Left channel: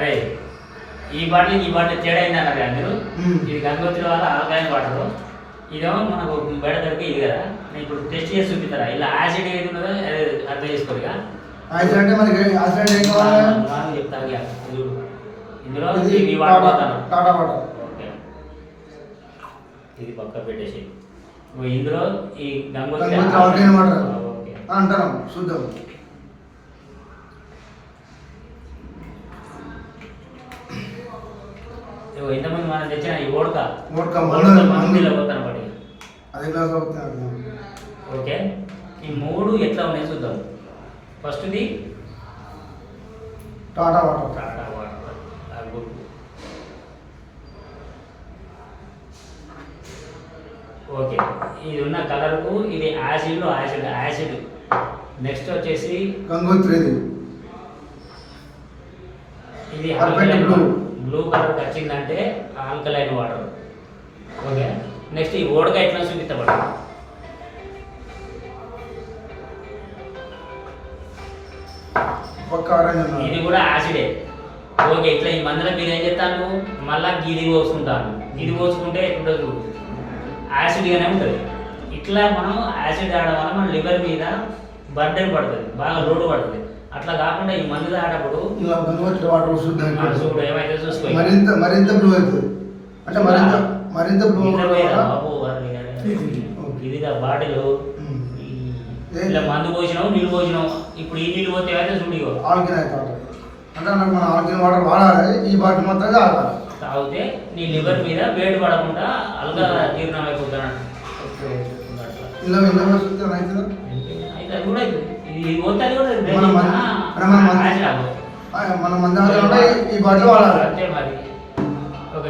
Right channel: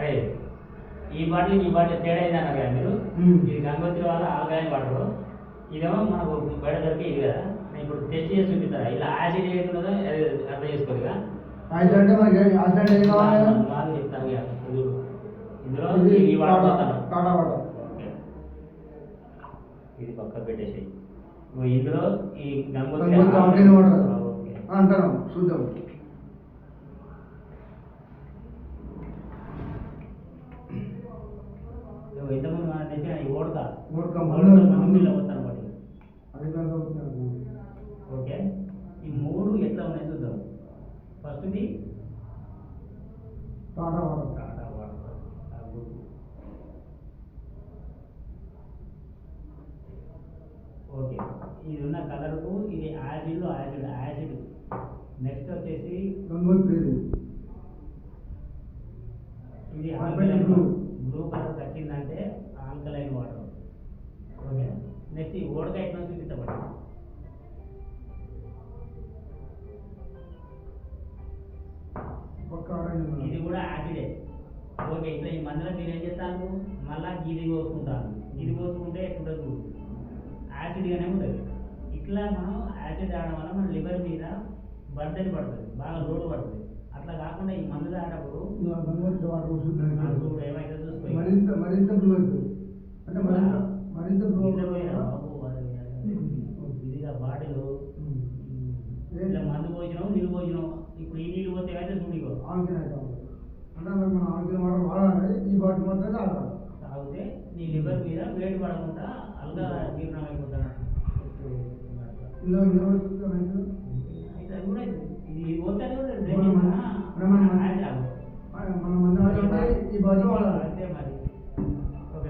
అరే ఈ బాటిల్ తేడా అయింది అన్నారు కదా మీరు. ఇది గంగోత్రి వాళ్ళ ఆల్కలైన్ వాటర్, ఇదేమో మనకు బయట దొరికి ఇది కదా. నేను ఇప్పుడు టెస్ట్ చేసి చూపిస్తారా ఇలా యాసిడ్ ఏది ఉన్నదో అర్థం చేసుకోరు. ఇక యాసిడ్ అంటే మనకి యాసిడ్ ఏం కావాలి? నాకు చెప్తాను ఇందులో ఇవి వాడతాను టాటా వాటర్. ఓకే, ఇది పక్క పెట్టేసి ఇందులో ఈ గంగోత్రి ఆల్కలైన్ వాటర్ అంటాను. చూద్దాం. ఇంతమంది మనం తెచ్చిన ఈ ఓడక మందులో పోతాను బట్టి అది గ్లాస్ అవుతుంది. ఓకే, ఈ మూడు ఎట్లా ఉన్నాయి చూద్దాం. ఫస్ట్ది Tata water. Tata water okay, ఇది ఉన్న కలర్కు ఇది యాసిడ్ యాసిడ్. నెక్స్ట్ వచ్చేసి గంగోత్రి, ఇది బ్లూ కలర్ వచ్చిందంటే ఆల్కలైన్ వాటర్. ఓకే, నెక్స్ట్ ఈ ఓడక ఎట్లా చూపిస్తాడు ఇది కూడా యాసిడే. ఓకే, ఇట్లా ఈ మందులో మీరు ఏం చేస్తాను మళ్ళా గిది పోసుకుంటాను. గిది పోసుకుంటే ఎట్లుంటుంది యాసిడ్గానే ఉంటుంది. ఇట్లా మనం యాసిడ్ ఆడడం వల్ల మన లివర్ మీద బర్డెన్ పడుతుంది, బాగా లోడ్ పడుతుంది. అట్లా కాకుండా ఈ మందు తాగేటప్పుడు చూడు ఏమైతే చూసుకో మరింత బ్లూ అవుతుంది. అంటే మరింత బ్లూ బాబు ఇదిగా బాటిల్ ఇలా మందు పోసినావు నీళ్ళు పోసినావు. ఇప్పుడు ఈ నీళ్ళు పోతే అయితే చూడిగో ఆల్కిన్ అవుతుంది. అంటే నాకు మన ఆల్కిన్ వాటర్ వాడాలి. ఈ బాటిల్ మాత్రం తాగాలి. తాగితే నీ లివర్ మీద వేడి పడకుండా అల్గా జీర్ణం అయిపోతాను. ఇలా అయితే కూడా ఇది పోతే కూడా మన మంది ఈ బాటిల్ వాడాలి. అంతే మరి.